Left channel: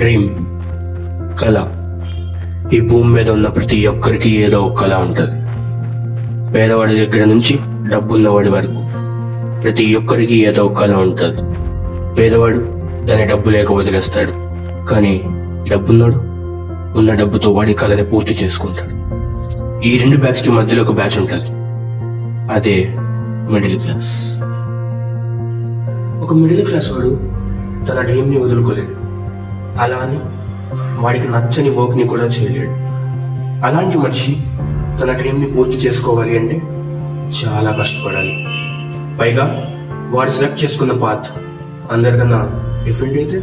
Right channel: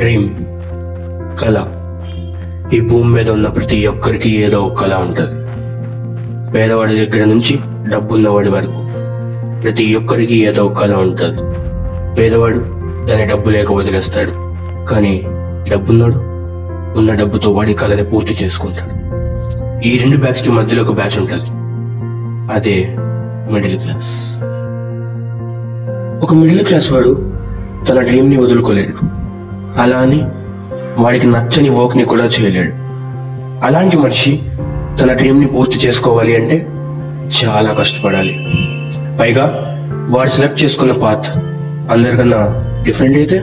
Dream, కళ. ఈ భూమి మీద ఉన్న ప్రతి ఒక్కరికి ఏదో ఒక కళ ఉంటుంది. పేదవాడి దగ్గర నుంచి డబ్బున్నవాడి వరకు ప్రతి ఒక్కరికి ఏదో ఒక కళ ఉంటుంది. పేదవాడు దాని డబ్బు లేక వదిలేస్తాడు, కానీ డబ్బున్నాడు ఉన్న డబ్బుతో వాడి కళని పూర్తి చేసుకుంటాడు. ఈ రెండు బ్యాచ్ కి మధ్యలో ఒక బ్యాచ్ ఉంటుంది, అదే మిడిల్ క్లాస్. ఒక మిడిల్ క్లాస్ వాడు తన డ్రీమ్ ని వదులుకోలేడు, అలా అని వాడికి నచ్చని వర్క్ ని కూడా చేయలేడు. అలాంటి మనిషి తన డ్రీమ్ ని పూర్తి చేసుకోవాలి అంటే చాలా కష్టపడాలి. పైగా వాడు సెలెక్ట్ చేసుకున్న పాత్ అందరికన్నా డిఫరెంట్ అయితే.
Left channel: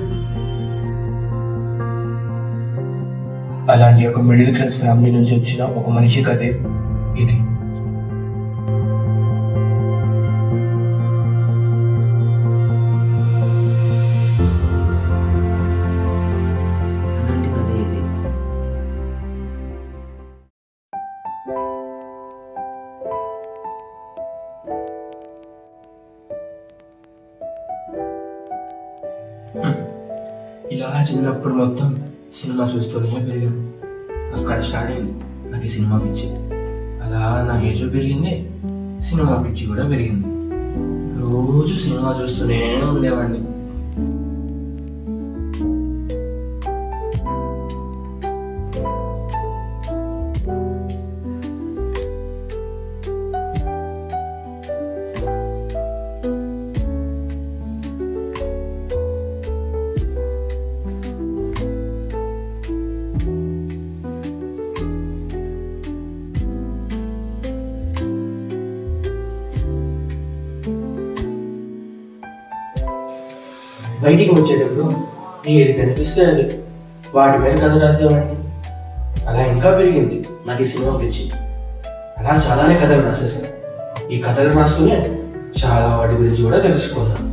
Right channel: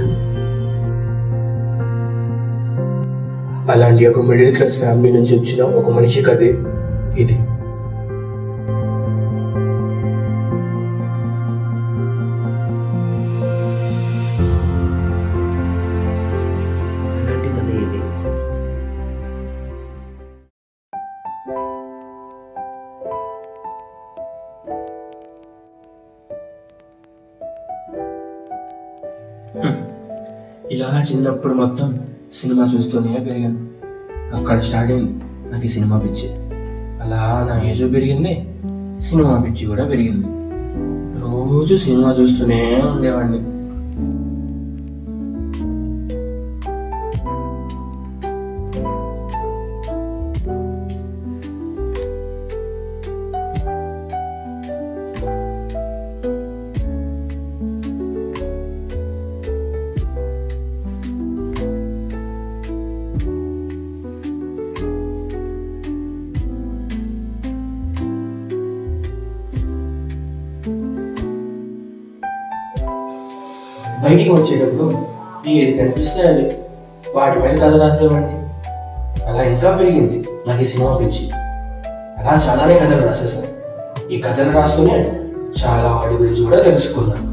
అలాంటి ఒక మిడిల్ క్లాస్ ఫ్యామిలీ నుంచి వచ్చిన ఒక మనిషి కథే ఇది. ఇలా చిన్నప్పుడు మొత్తం సినిమా చూస్తూనే పెరిగాను. అక్కడ స్టార్ట్ అయింది నాకు ఈ సినిమా పిచ్చి. అలా నా ఏజ్ పెరిగింది, సినిమా పిచ్చి కూడా పెరిగింది. రోజు సినిమా చూస్తూనే ఉండేవాడిని. బయటికి వచ్చేటప్పుడు ఏది కనిపిస్తే అది వాటి మీద కథ రాసేవాడిని. అలా ఇంకా పెరిగింది నాకు ఈ సినిమా పిచ్చి. అలా చాలానే కథలు రాసేసాను. ఈ కథలు రాస్తూనే చాలా వాటి గురించి కూడా తెలుసుకున్నాను.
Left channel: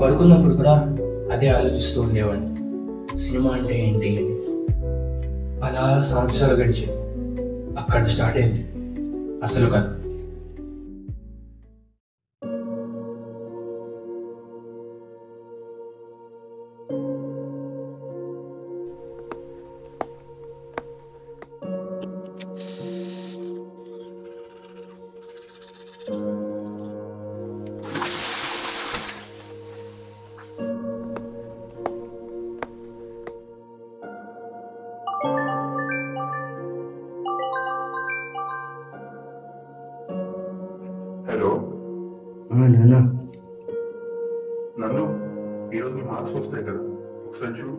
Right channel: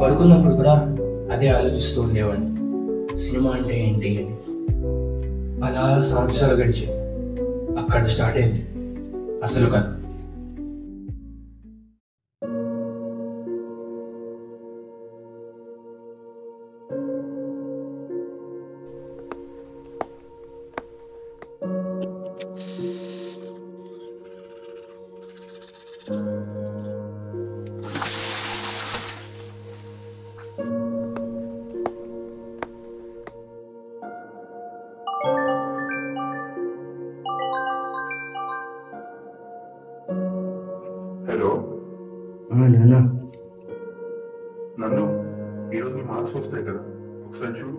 పడుకున్నప్పుడు కూడా అదే ఆలోచిస్తూ ఉండేవాడిని, సినిమా అంటే ఏంటి అని. అలా సంవత్సరాలు గడిచి అక్కడ స్టార్ట్ అయింది అసలు కథ. హలో నాన్న. నందు, ఈరోజు మార్క్స్ వస్తాయి కదా, ఒకసారి చూడు.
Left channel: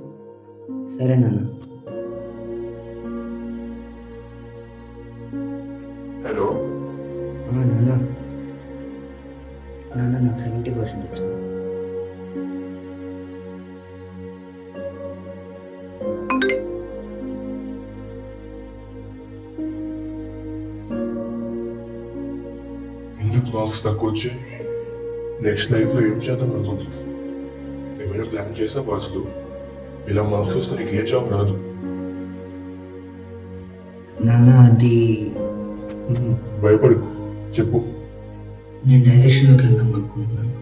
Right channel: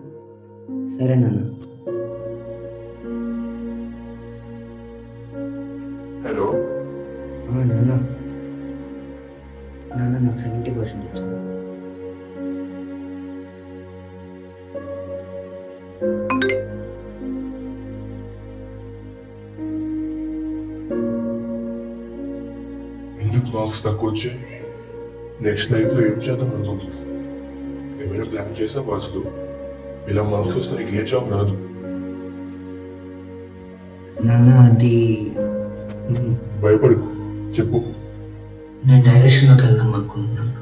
సరే నాన్న. హలో నాన్న. నాన్న నాకు 70% వచ్చింది. ఎందుకు మార్క్స్ తక్కువ వచ్చాయి? నెక్స్ట్ లైఫ్లో ఏం చేద్దాం అనుకుంటున్నావు? ఏమైనా ప్లాన్ చేసా వాస్తు? ఇలా మార్క్స్ వస్తే నీకు ఏ జాబ్ రాదు. నాన్న అది భయపడకు, చెప్పు. నేను డైరెక్షన్లోకి వెళ్దాం అనుకుంటున్నాను.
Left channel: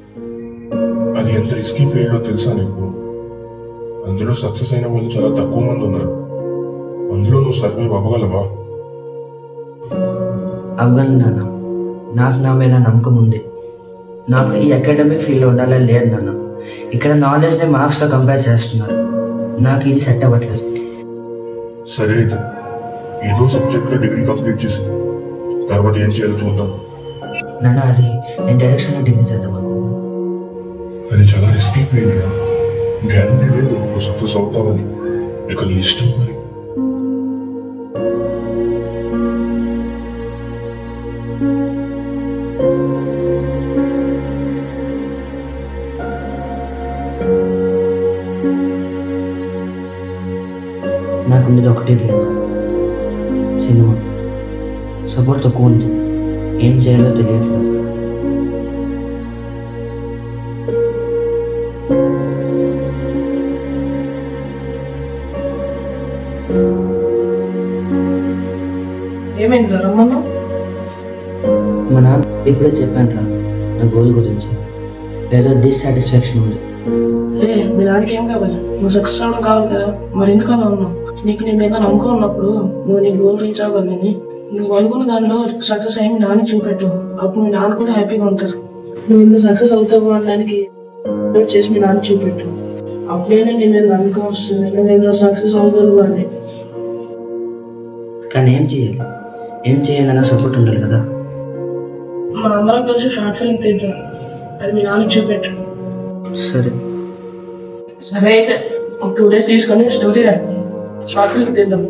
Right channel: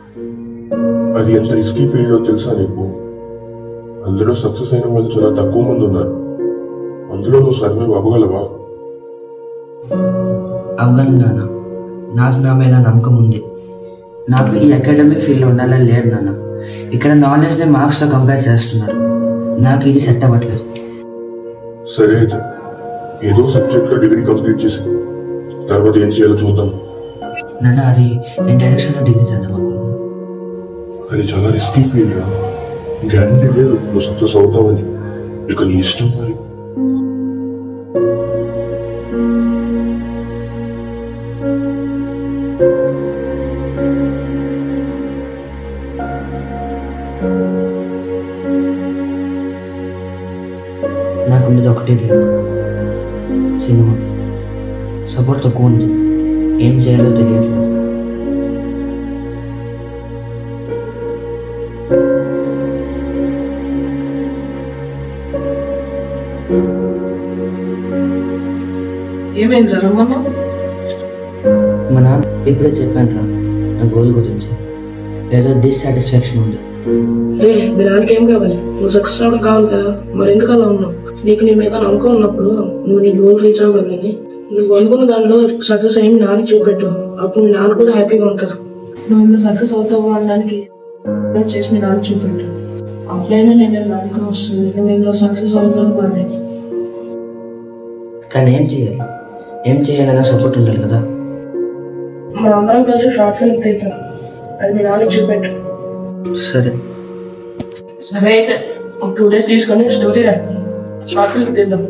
అది ఎంత రిస్కీ ఫీల్డో తెలుసా నీకు? అందులో సక్సెస్ అయిన వాళ్ళు చాలా తక్కువ మంది ఉన్నారు. అందులో నువ్వు సర్వైవ్ అవ్వగలవా? అవ్వగలను నాన్న. నాకు నా మీద నమ్మకం ఉంది. నాకు ఈ అకాడమిక్ ఫీల్డ్లో ఉండాలని లేదు నాన్న. ఇక్కడ నాలెడ్జ్ని మార్క్స్తో కంపేర్ చేస్తున్నారు. నాకు ఇది సెట్ అవ్వట్లేదు. సరే అయితే ఏదో సబ్జెక్ట్లో డిగ్రీ కంప్లీట్ చేసి తర్వాత ఏం చేయాలో చూద్దాం. నాన్న అది నేను డైరెక్షన్లో డిగ్రీ చేద్దాం అనుకుంటున్నాను. అది చాలా రిస్కీ ఫీల్డ్ రా. గ్యారంటీ లేదు నువ్వు సక్సెస్ అవుతావని. ఇక నీ ఇష్టం మరి. నాకు ఉండేది ఒకటే డ్రీమ్, సినిమా. సపోర్ట్ తక్కువ ఉంది, ఏం చేయాలో తెలియట్లేదు. ఏమైంది రమ్మన్నా? మా నాన్న ఇప్పుడే చెప్పాను రా నా గోల్ గురించి. ఏదో డిస్సాటిస్ఫాక్షన్ ఉంది. మీ నాన్నకి ఏం కావాలి? నువ్వు సక్సెస్ అవ్వడం కావాలి కదా, మరి ఎందుకు అలా ఉన్నావు? నీకు నీ మీద నమ్మకం ఉన్నప్పుడు నువ్వు నీ గోల్ రీచ్ అవ్వగలని నువ్వు అనుకున్న దానిలో సక్సెస్ అయ్యి మీ నాన్న చూపెట్టు. అప్పుడు మీ నాన్న కూడా హ్యాపీగా ఉంటారు. నువ్వు ఇంత సక్సెస్ అవుతావు అనడానికి చేసి మీ నాన్న చూపెట్టు. అప్పుడైనా నేను నమ్మకం వస్తుంది, నేను ఇందులో సక్సెస్ అవుతాను అని. కానీ ఏం చేయాలన్నా సపోర్ట్ ఉండాలి కదా. మనందరం కలిసి షార్ట్ ఫిల్మ్ తీద్దాం, అది మీ నాన్నకి చూపెట్టు. సరే సరే అయితే ఒక 2 days తీసుకొని స్టోరీ రా, షార్ట్ ఫిల్మ్ తీద్దాం.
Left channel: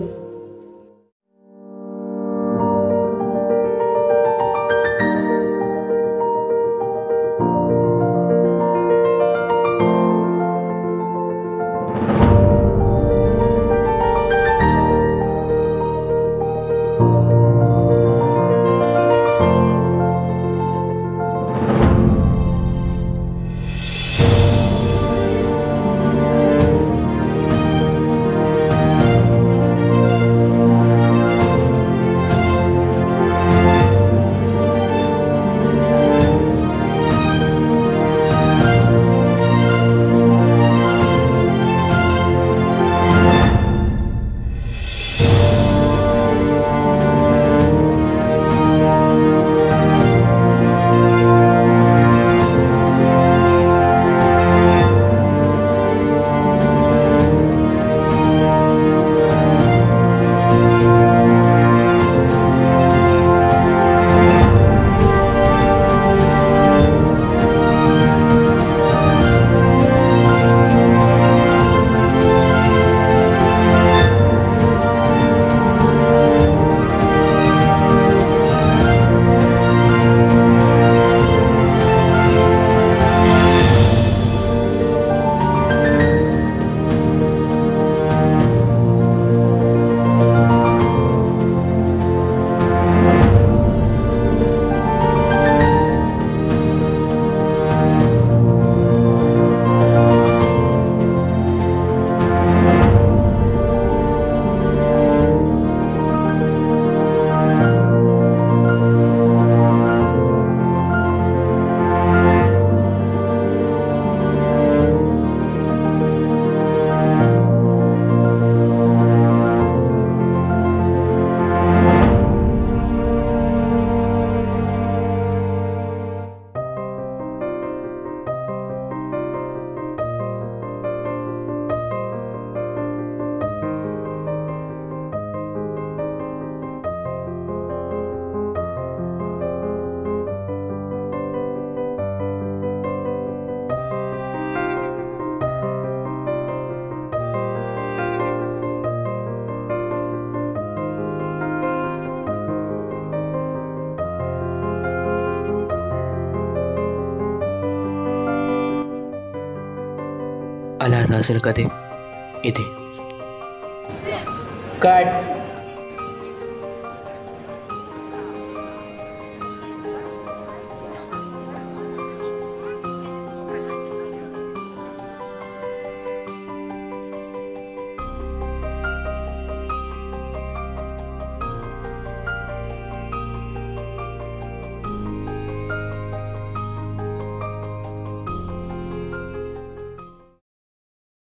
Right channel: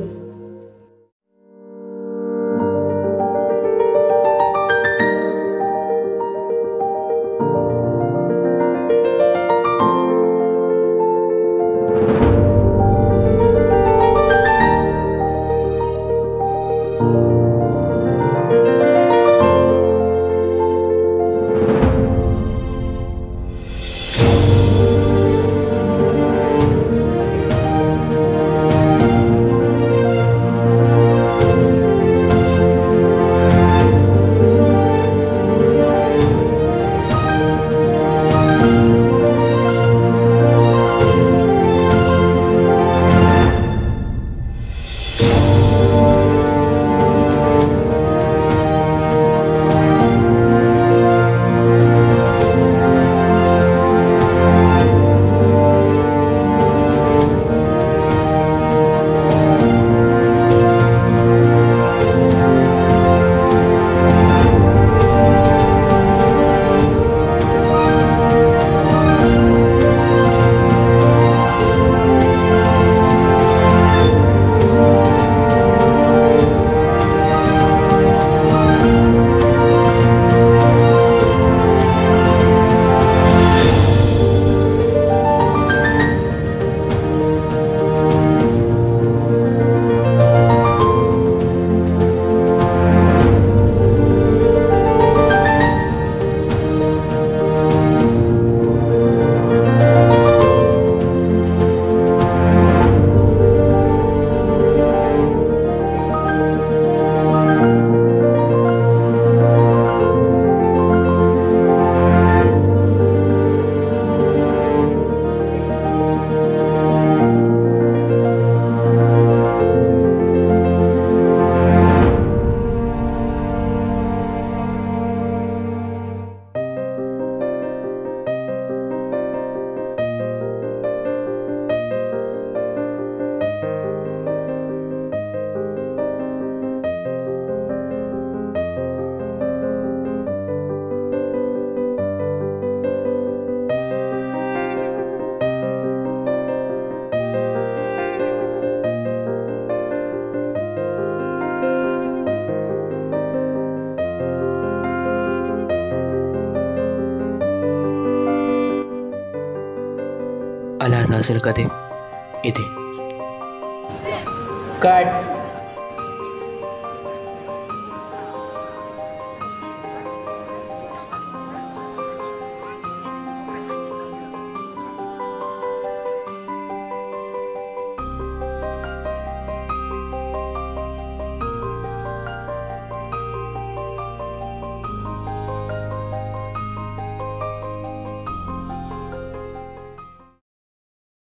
అలా రాసిన కథే ఇది. కట్.